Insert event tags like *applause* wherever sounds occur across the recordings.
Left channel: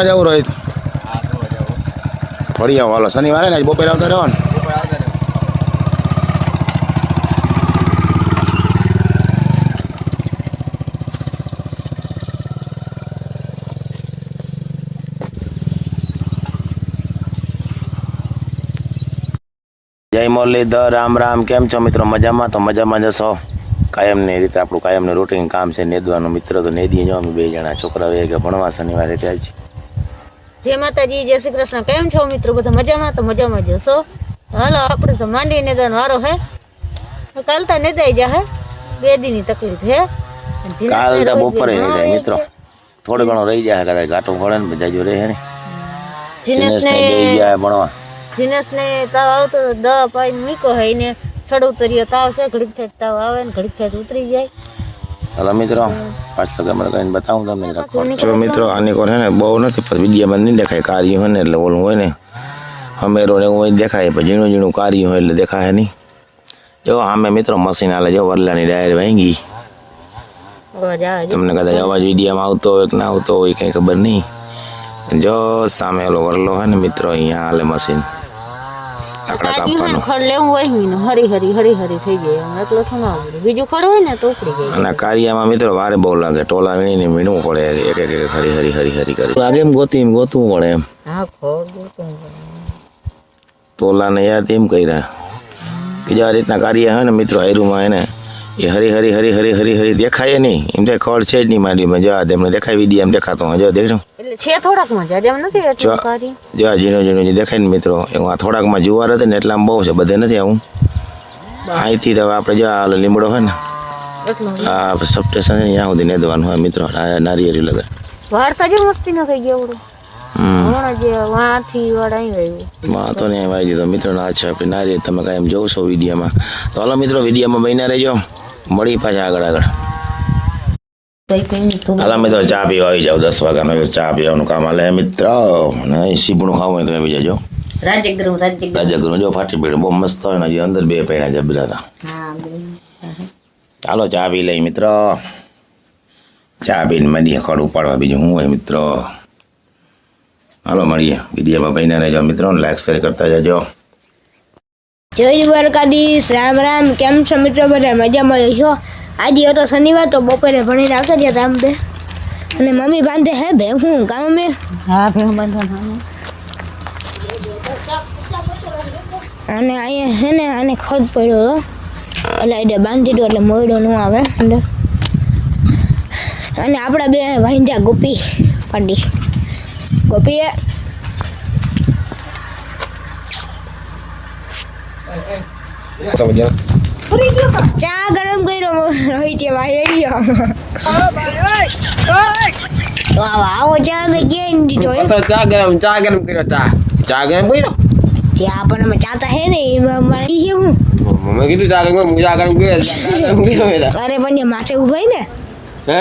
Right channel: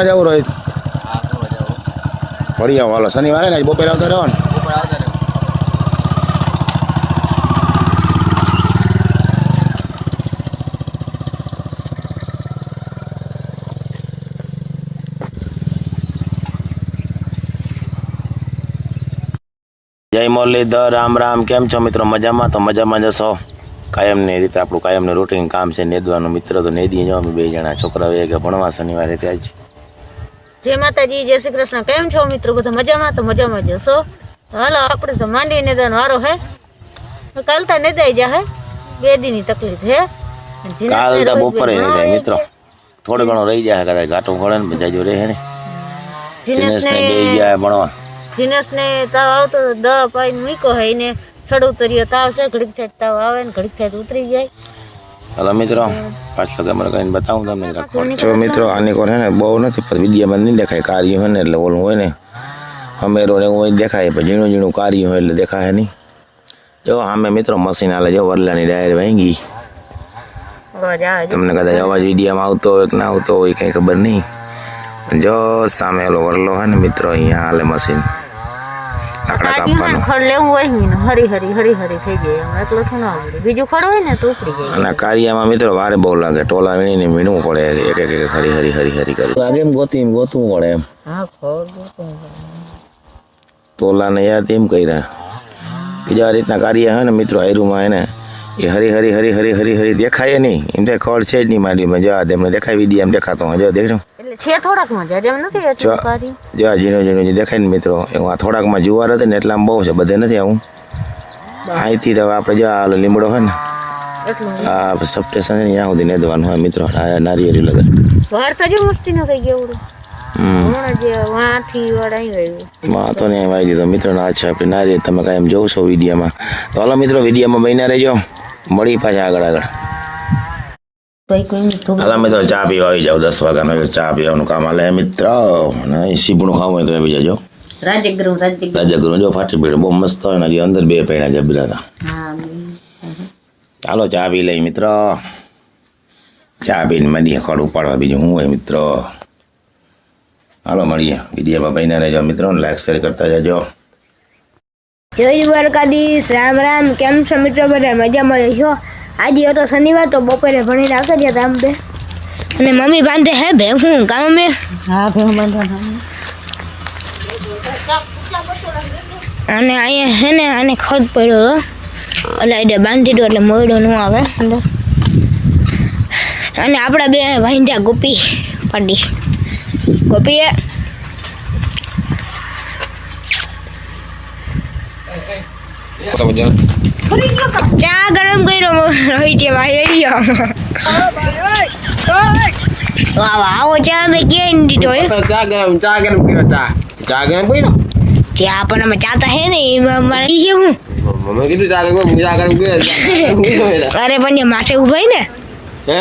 ભણવા જવું રોહિત ફરી આવો. હાલો. શનિવારે ને બપોરે આવતા રહો ને. ઉપર આવતા રહ્યો જય મુરલીધર રામ રામ. કેમ છો મિત્રો? મજામાં? તો મજામાં જશો કાયમની રીતે આપણું કાયમનું રૂટીન કામ છે. નેદવાનું મિત્ર તો નેદી જો અમે બે જણા. છોકરાઓ વેગે ભણવા શનિવારે ત્યાં જ જય માતાજી જય શ્રી કૃષ્ણ. કેમ છો મિત્રો? બધા મજામાં? તો મજામાં જશો હાલો આપણે તો માંડી નિદાન વારો હે. તો કાલ તા નિદાઈ જા હે. બે દીની તકલીફ હે. અને કાલ તો બપોરે નહીં જાય મિત્રો. થોડો ઘણો રહી જાય કદાચ ઘાટું પડે ને બધા જો રહે ને. જીનેશ ને બે જાય ભણવા. જીનેશને તાવ આવતો દવા પાઈને મૂક્યો હે ને ચડ ઉતરીયો તાવ છે ઘડીક થાય તાવ આવે ને ઘડીક થાય ઉતરી જાય. હલો મિત્રો પાછળ કેમેરા કરીને બતાવું તમને રાખો જો મિત્રો આની કોર છે ને બહુ નથી પણ વિડીયામાં નહીં દેખાય કાર્ય હોય ને એટલે ઓલું હોય ને અમેરો ને એવું દેખાય પણ ઝીણું ઝીણું કાર્ય હોય એટલે દેખાય નહીં. જો આમે મિત્રો મશીન હાલે જો વરલાની ડાયર છે. તમને કદાચ અવાજ વિડીયામાં આવતો હોય કે ના આવતો હોય કંઈ ખબર નહીં. જો સામે ઓલો વરલો હોય ને મિત્રો અહીંયા હાલે મશીન લાકડા કાપવાનો. ખડ લેવું હોય ને હરી હરી હરી હરી થઈ જાય. એમાં એકલો થોડું આવડે. બીજું ખડ હોય ને તો ઉપડી જાય. અને કાર્યમાં મિત્રો વારે બહુ લાગે. ટોલા વીણીને વીણવું પડે એક એક એક હરી હરી હરી હરી કરી. લાગે એમ ગોતી એમ ગોતવું પડે એમ. હા ખડ તોલાને યાદ એમ કર્યા. બીજા રીતના કાર્ય હોય ને મિત્રો આયરુમાં એને એ હરી હરી હરી હરી હરી હરી દેખાય નહીં. એમ તો ખડ છે જ નહીં માંડીમાં જવા દે તેમને દેખાય વીડિયો એમ દેખાતો હું જવા દેખો એટલે છે થોડાક જવા એટલું ઝીણું ઝીણું જે દેખાય ને મિત્રો એમાં આ થોડાકમાં જુવાર હતો ને એટલામાં બહુ છે. બધે નથી આવું. અહીંથી તો આપણે જો આ લીમડો હોય ને હા આ સબસ્ટેશન છે ને ત્યાં સુધી નેદવાનું હોય મિત્રો. આ નારિયેરી લગન. વાર્તા જો મસ્તી ન થઈ ગઈ એવડું. હમ. હમણાં જે વાંથી વાળા અહીં આવ્યું માં તો ને વાઈ દીધો મિત્રો ના છે આપણી નારિયેળ. તમે કાંઈ એમ જોઉં છો વિડીયોમાં. તો હાલો મિત્રો વિડીયોમાં બન્યા રહેજો. મળી પાછા આગળ આગળ કઈ કઈ નહીં હાલા મિત્રો ચા પીવા આવી જાવ દસ વાગ્યાનો એટલે ચા પીવાનું કામ હાલે મિત્ર અને અહીં સીપણું ખાવું હોય તો આવી જાજો રાજ્યગૃહ રાજ્યગૃહ રાજાગૃહ જો ફાટી પડ્યું બહુ મસ્ત હોય ને હજી અંદર બે પૈણા જબરા હતા હા ચાલો ચા પી લઈ મિત્ર ચા પીને મળીએ ખડ ઉપાડવા બીજું શું હોય મિત્ર હાલો મળીએ વિડીયોમાં બન્યા રહેજો મિત્રો લાઈક શેર કરતા જજો જય દ્વારકાધીશ રામ રામ. કેમ છો મિત્રો? બધા મજામાં છો? આજે હતો શનિવાર તો બપોરે ભણીને આવતા રહ્યા હતા આમ બે. અને મમ્મી બાંધે હે બે હું કામ મેં હા બંધન અને અહીંયા હે ને આને ખદ પડ્યો હતો. એટલે એટલે બાંધી દો એટલે મોયડો ન આવે. અંદર. અને આપણા બે વાંધ્યા ગોપી પાડી. ગોપીએ ચા ગરમ કર્યો રોહિત ભાઈ વાહ આવો ચા મેં ક્યાં દીધો. ચા ગરમ ચા ગરમ કર્યો ચા. ચા ગરમ કર્યો? ચા પણ અમે ચાતા હે ને એમાં મારે હું મમ્મી કીધું ચા ગરમ હું ચા ગરમ કર્યો *laughs* અરે પણ માથે ઉભાઈ ને? હે?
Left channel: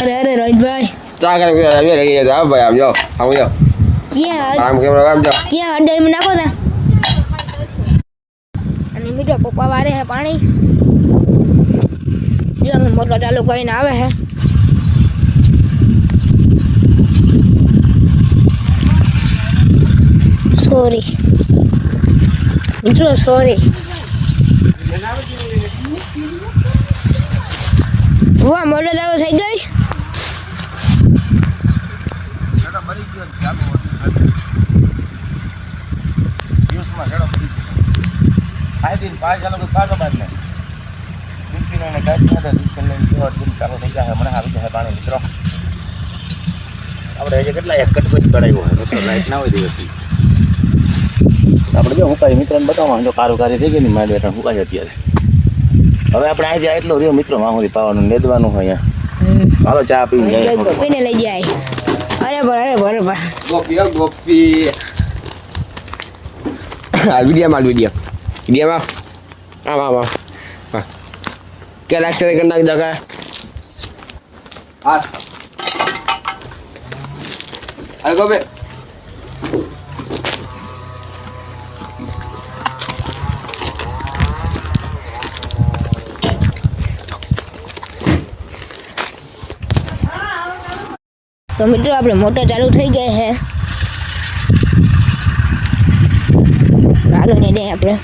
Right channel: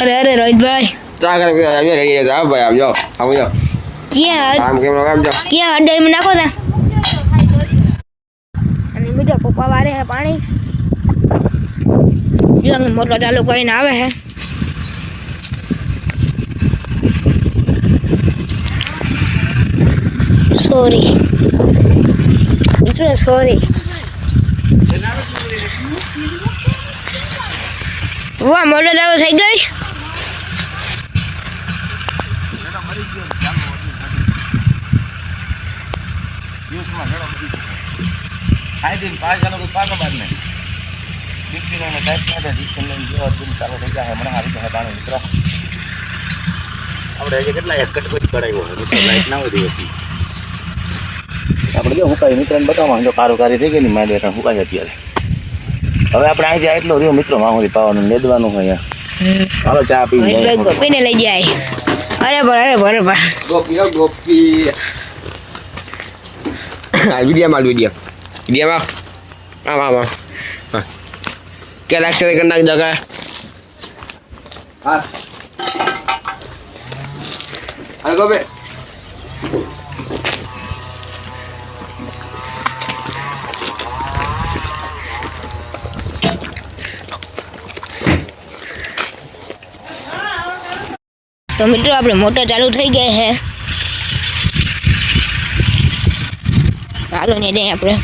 અરે અરે રોહિતભાઈ. ચા ગરમ કર્યો આવી રહી હા ભાઈ આવજો. આવજો ક્યાં આમ કેમ કામ જો. ક્યાં અડાઈમાં નાખો તા બીજો પપ્પા વારે હે પાણી. જો મોટો ચાલુ કરીને આવે હે. સોરી જો સોરી વાહ મોટો ચાલુ થઈ ગઈ. ખાઈ પાંચ લોકો પાક બાદ નહીં. બિસ્કીટ લઈને ટાઈપ નહીં બિસ્કીટ લઈને જેવો દિન ચાલુ થઈ જાય. મને આવી જાય પાણી મિત્રો. આપણે આજે કેટલા એક કટકો જ કરાવ્યો હોય મિત્રો લાઈટ ના હોય દિવસથી આપણે જો હુકાય મિત્રને બતાવવા જો કારું કારી થઈ ગઈ ને મારી એટલે હુકાય અત્યારે. હવે આપણે અહીં જાય એટલો રહ્યો મિત્રો માહોરી પાવાનું લેદવાનું હોય હાલો ચા પી ગોપીને લઈ જાય. અરે પણ અરે બરે પણ. ગોપી ગોપી. આ વિડીયોમાં વીડિયો. વિડીયોમાં આમ આમ આમ હા ક્યાં લાગશે કરી નાખી દો હા હા ગોપી તો મિત્રો આપણે મોટર ચાલુ થઈ ગઈ છે. ચાલો ને દે આપણે.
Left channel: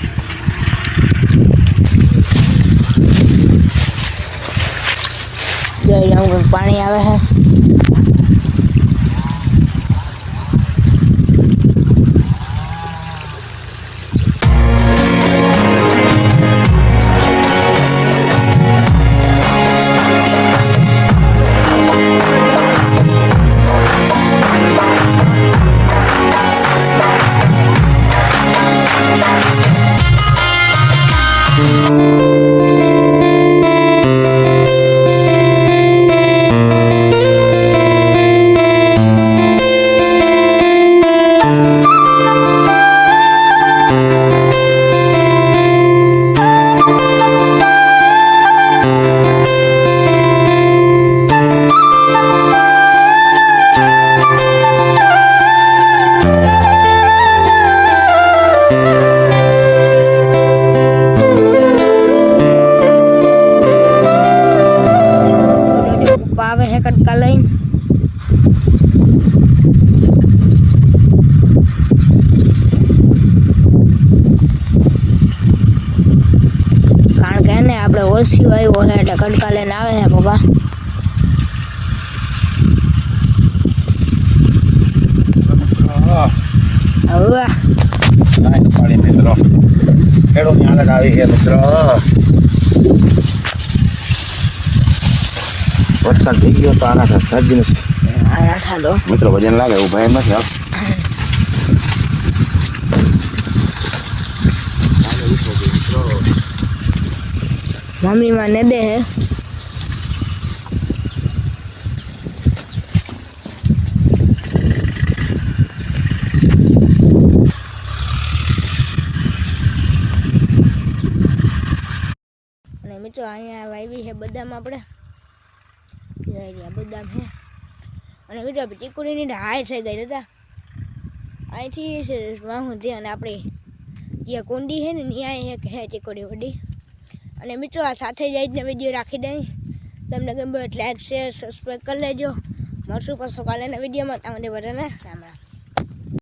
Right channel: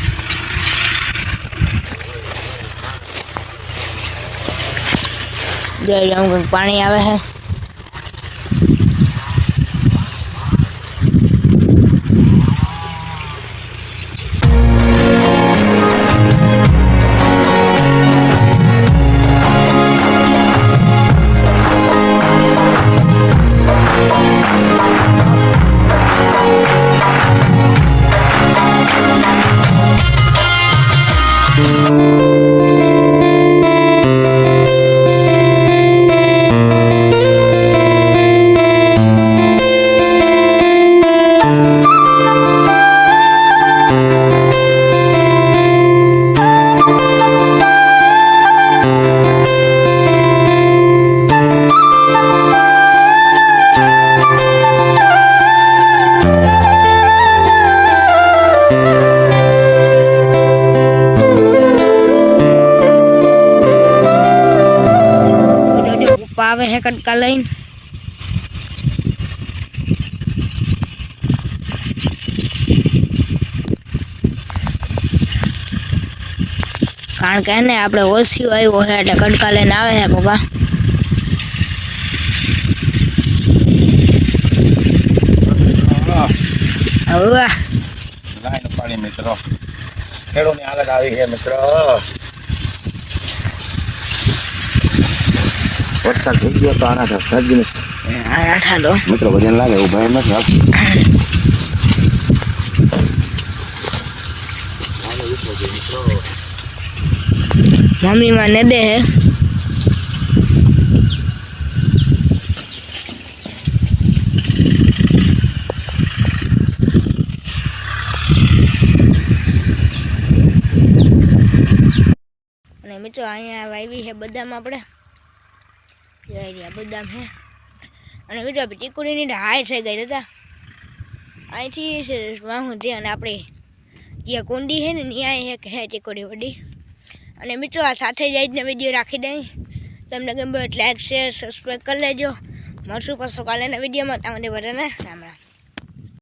લઉં પાણી આવે છે જોજો આવે કટકા લઈને કારણ કે ને આપણે ઓછું આવ્યો છે એટલે કટકા લઈને આવે છે પપ્પા હવે લાઈન પાણી મિત્રો. ખેડૂતની આગળ આવી છે મિત્રો. વરસાદ થઈ ગયો તો આના સાથે દિનેશ આ મિત્રો વજન લાગે એવું ભાઈ નથી આવતું મમ્મી માં ને દે હે. મિત્રો અહીંયા વાવી છે બદામ આપણે. રહ્યા બદામ છે અને આપણે ચીકુડીની હાય થઈ ગઈ દાદા અહીંથી વાહું છે અને આપણે જ્યાં કુંડી છે ને ત્યાં એક હે ચીકુડી વડી અને મિત્રો આ સાથે જ આજનો વીડિયો રાખી દઈ તમને ગમ્યો એટલે લાઈક શેર સબસ્ક્રાઈબ કરી લેજો મળશું પાછો કાલેના વિડીયોમાં તમને બધાને રામ